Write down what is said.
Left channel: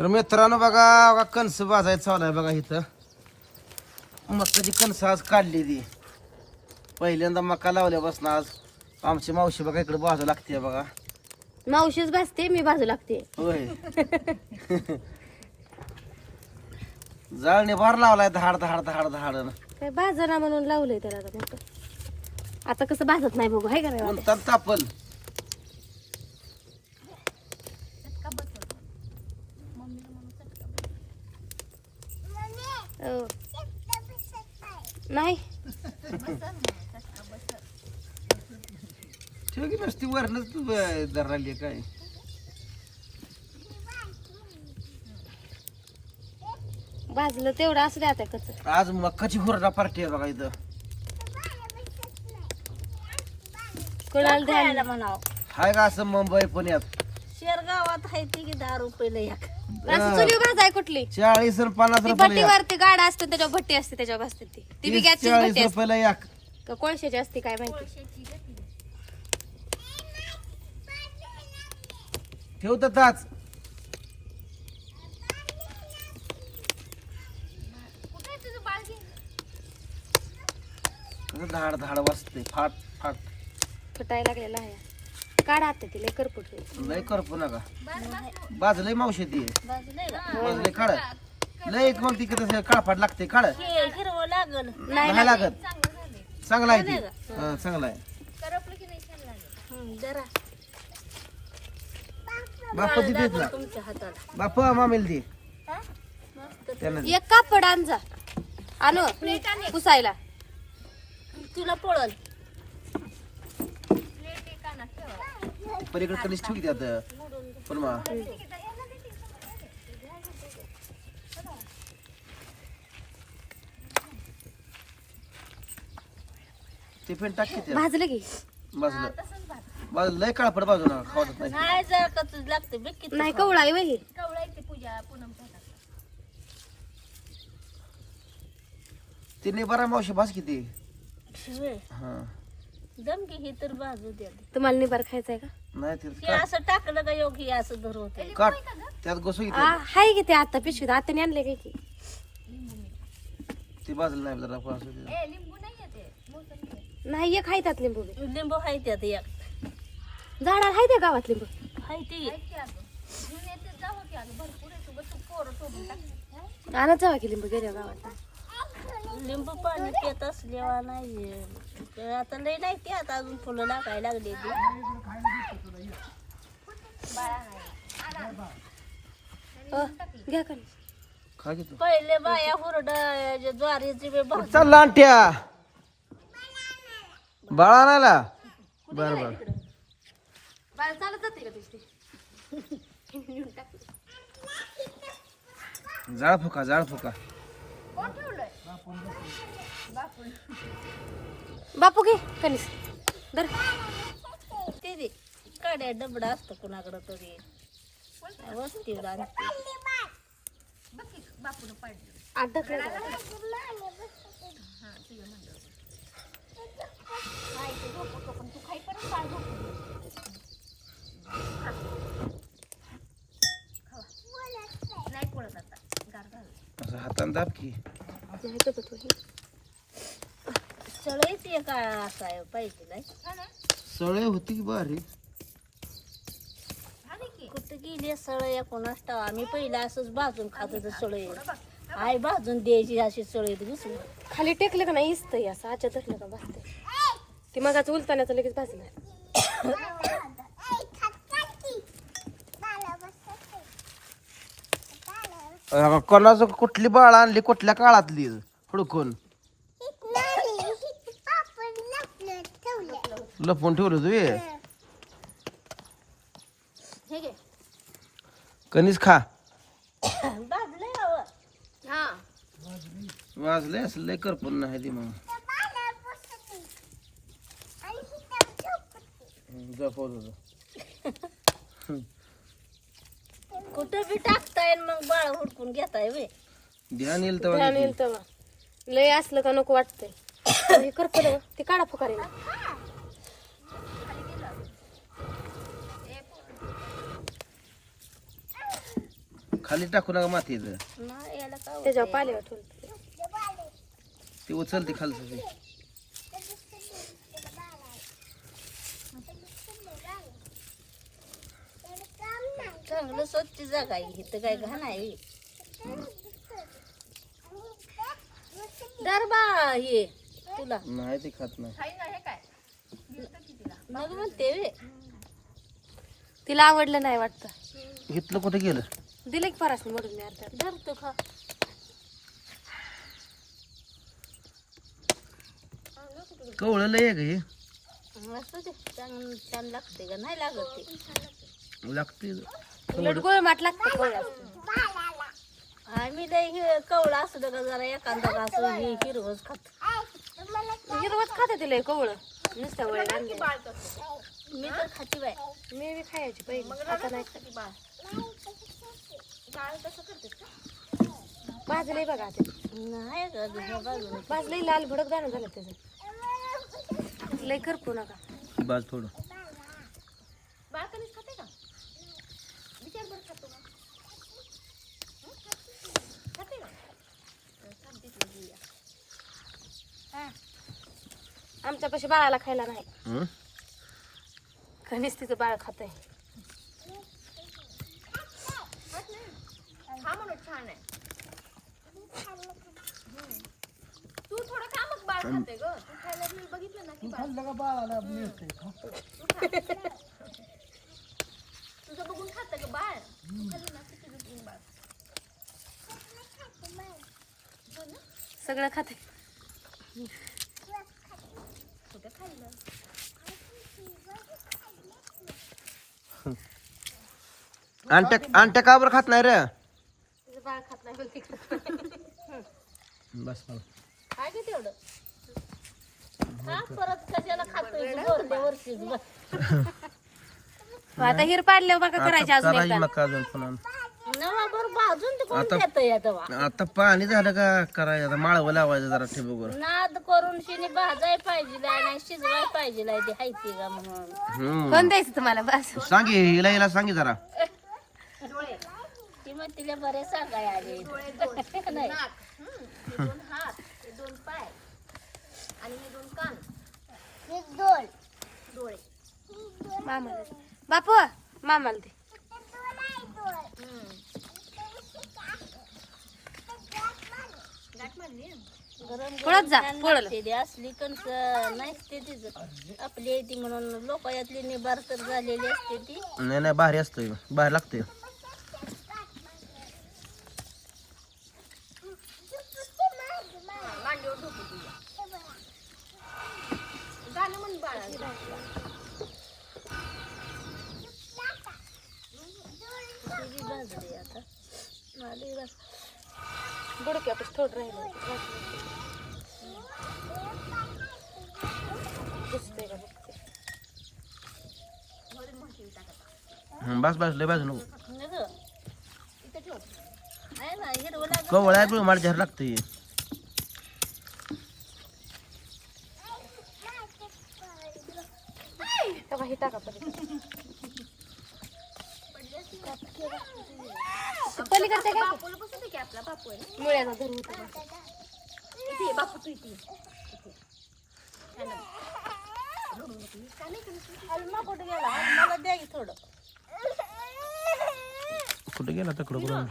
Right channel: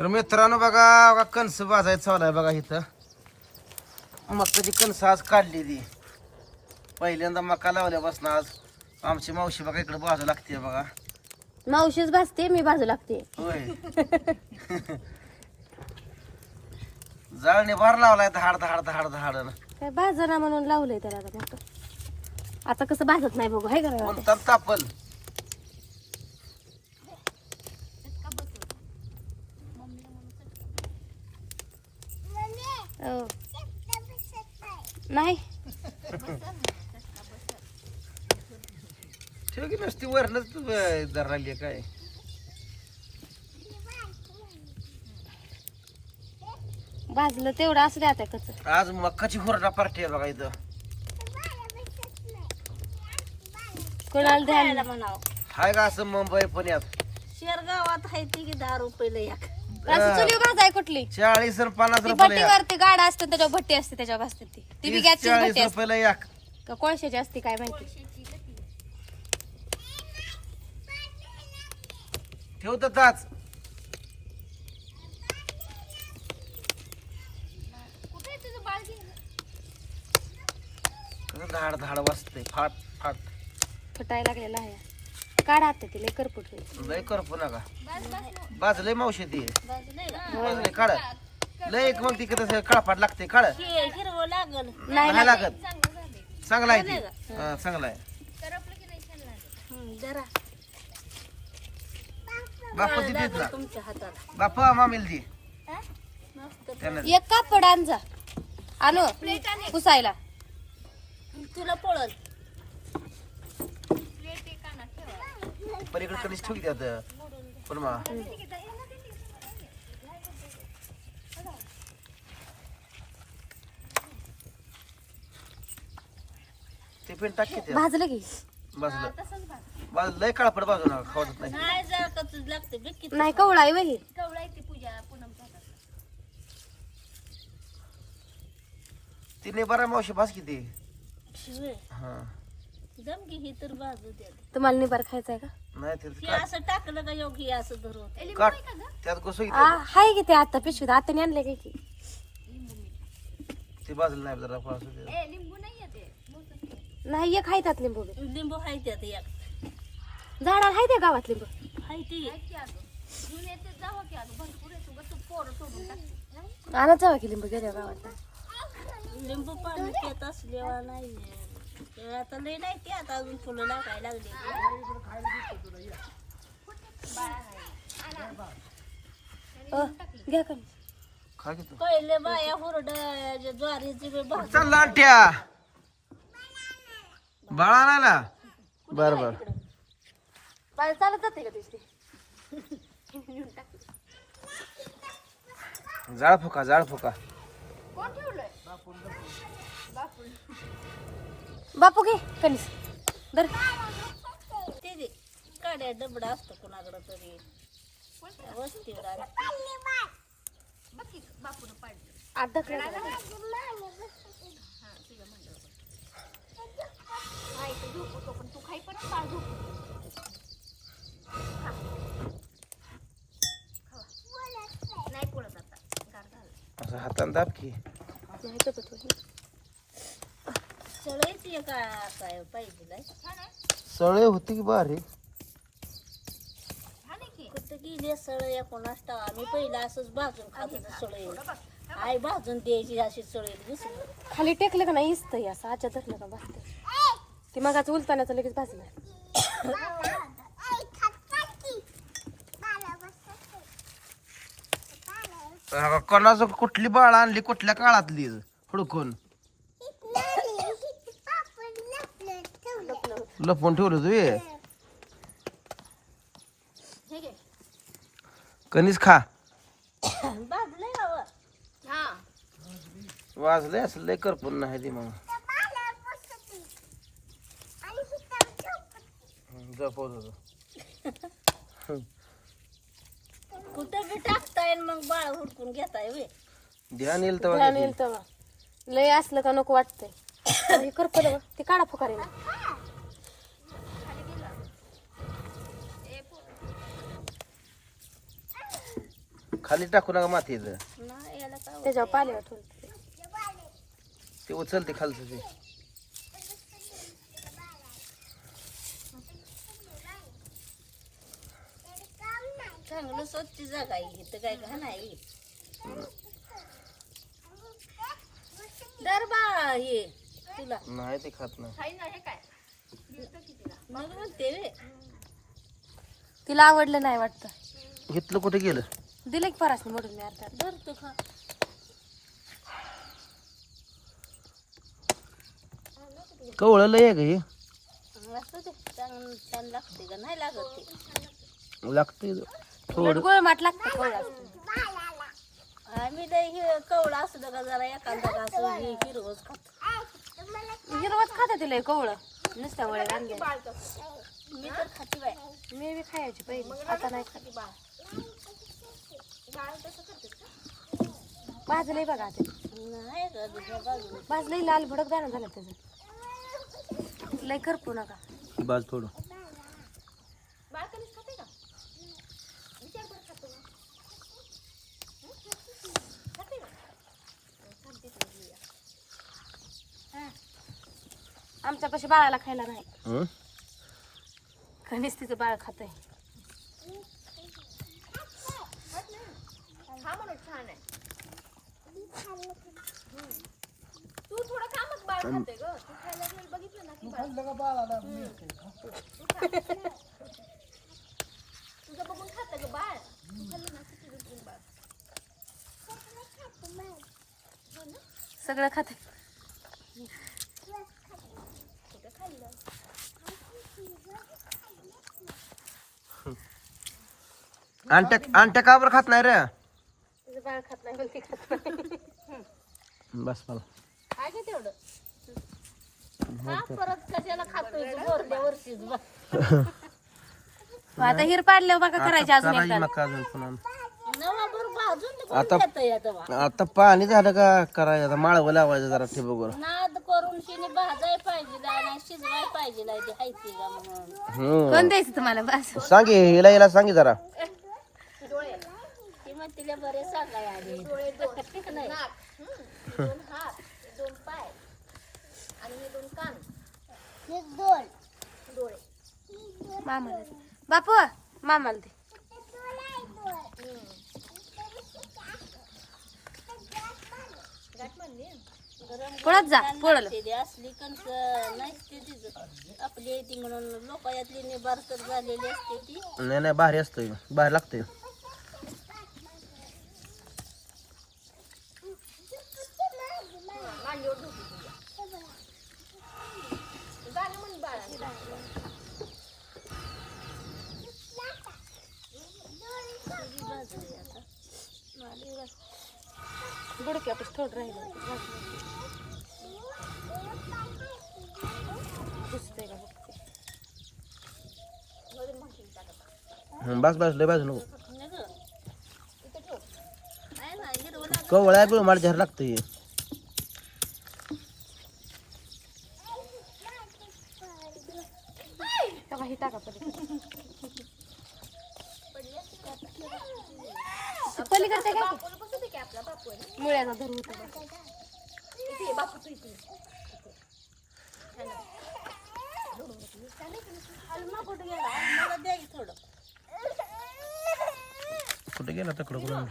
तर मित्रांनो बघा बघा कणस भाजायचं चालू आहे बघा इथं. मकाची कणस आज काढली ती. पहिल्यांदा मका लावल्यापासून आज आमची मावशी बघा इकडे बाजू लागते बघा. मावशीच भाजते मी बाजू लागते. होय. जाळणे भार लावलाय धाड धाड धाड धाड काय भाजना म्हणून लावलंय त्याला आता मोठं आता कसं भाजत नाही बघू हाय का नाही? म्हणतात तापल हो. नाही. ठेव की नसती वरणच तू धरली काय? भाजलं तेवढं असू द्या आता कच आज मक्काची हुरडा पार्टी आहे बघा इथं. कोणाला द्यायला म्हणाव. हाय का असं मुंबई पुण्यात? शेरगावात आहे ती की दहा रुपयाला एक. असं चुली भाजाय कुठली? चाळीस पन्नास ती रुपये भट्टीवरती गाडा असते त्याच्यावर भट्टी असते त्याच्यावर भाजते ती. ती बी गॅसची चाळीस भट्टी असते. रुपयाला एक. का कोळशाची असते काय माहिती? ठेवतात आज धाड धाड वाजते फाट फाट फुटायला लागलेला आहे. काढा आता ती लय करपुट लय करपू नका. बाजलंय मावशी ती. बाजलंय काढ. लय मग ती कसं काळपाट लागते काढ. हे हिरवं लागल. नाही नाही लागत चांगला आहे ती हा, चांगला आहे. हं, जरा. बापा ती देत ना तुमच्या हाताला. बापा मामेल ती मस्त. त्यानं एक कापड आणजा आणू पुसायला. तुला पळल. पलीकडे कधीच ठेवली आता. पण मा ते पण टाक की त्या. भाजलं की. बाजूला बाजूला लय काळपड बाजूला खावत नाही. नाही जर लागते नाही कवळा आहे वही. तिने बरा मावशी भास किती हा. जम की ही तर बाजू द्या. तुम्हाला निबार खायचा आहे का? नाही ते हे असं टाकलं का योगी असं धरू होते? काट त्यात घुसू किती आ, हाय की ते आता पिशवीत? आताने आणले काय की ती बाजूला नाही जरा पास होते नाही एक हाय त्यात लिंबू बी. लिंबू हाय त्यात एक. झाडाला हाय त्या गावात लिंबू? हाय ती. आणत जावा की लिंबू गेल्या गावात? लिंबू पाणी पित असल्यावर नाही ते आता नाही ते आता अजून फुलं लागायला लागले घ्या का? खा की तू. पहिले बाया हुरड ज्वारीची बी भाजी. चल लांट्या. बाळा नाला बर बर. चालत जाते का तुझी जाळ फुका जाळ फुका. बापू घे कणीस. दर ते दे. काड्या डबडा असतो कुणाकडं तरी. जरा. असं हातानं दाब की. नाही तर सळईच एक काय पाहिजे सळे होती की बारी? कुठं गेली सळई कोणास ठाव आम्ही पहिला असंच भाजून खात होतो सळई. आई भाजून द्यायची अशी सळई दुसरी. खाली टेकलं का नाही इस्त असं आच्या धरलं का भाजते ती मगाच उलतानाचं लगेच भाजलं. अं, कोणाचं कुठली बाळ आणली कुठल्या काळातली? हुडकून. लपवून ठेवलं तू हे? घे. कणीस खा. भाजलंय बाबा हा. वाजले असं लय करपून नाही ती मग. जपवत कुठं बी टाकता येईल मग बाळ हुडकून घेताय वे. ध्यान येईल ध्यान तेव्हा येईल तेव्हा. लय असलं का नको वाटतंय. हे करपलं ते काढा फुकारे खाली टाकू नका मातीचं त्याच्यावर पाल्यावर ठेवलं ते उचलते खालचं ते. चांगलं स्वच्छ जागा आहे. इथं काय घाण आहे? दरबा हे तुला. नाही ते खात नाही. मग म्हणते वे. तिला आवडलं नाही वाटतं. घेतलं कुठे गेलं? दिलं की परासने मोडून मी अर्धा धरतो खा. कवळं लय आहे का हे? असं ते चांगलं छान लागते का? नाही लागत ते. लागते उलट गोळमाट लागतं कवळा आम्ही लय हे कवळा असलं का जरा एखादा का असं हे हिरवच खातो. तिला कवळं. नुसत्या वळे आणले मी तर खाते बाय मी बी खायची पहिली. आता नाही खात. भाजलंय बघा ते नाही दुसऱ्या भाजलंय लाल भडक दाणं झालं त्याचं. लय करपू नका. बाज थोडं आमच्यापाशी बाळाला खायला नाही हं? कणीस तिचं बाळ खात आहे सगळं खाते. अंट्या अंट्या का बरं खात नाही रे? तिचं बाळ खात नाही पण ती खात नाही. बस मला. काय का तेवढं? आता हिर पाडल्यावर बघा करायची आता अजून करायची एकदा. मका अजून पुन्हा. आता- पाणी झालं का करायचं? आता माळवं लावायचं जरा ठिबकवर नाद करून शिनी भाजाय पाहिजे नाही शिजवाय पाहिजे ते हायती का म्हणून. हम्म. कोण द्यायचं तुम्हाला बस? सांगे हिला हिला सांगे जरा. ती मग तिला बरे सांगाय आले. नाही. मामाला दे. बापू मामाला दे. गरम पळत जा पळल ते असली कणस नसते तिचं. आपली ती म्हणून लोक यातली निबार तर झालेली असते ती. नाही नाही भारी असतं भारी लागतंय ती बी भाजली आता आली बा. बुडक्यापाशी थोडं राहिलं दिसतंय का बघते. हं, बस बस लय बाजू नको. आहे कवळ्या बिळ मला झाड लागतंय. तेव्हा हे टाका पलीकडे. पलीकडचे काय मुळ्याचा धरून होतं. हलमा कुठे गेला? मला द्या की थोडं. कुठे गेला तकडं कुठं?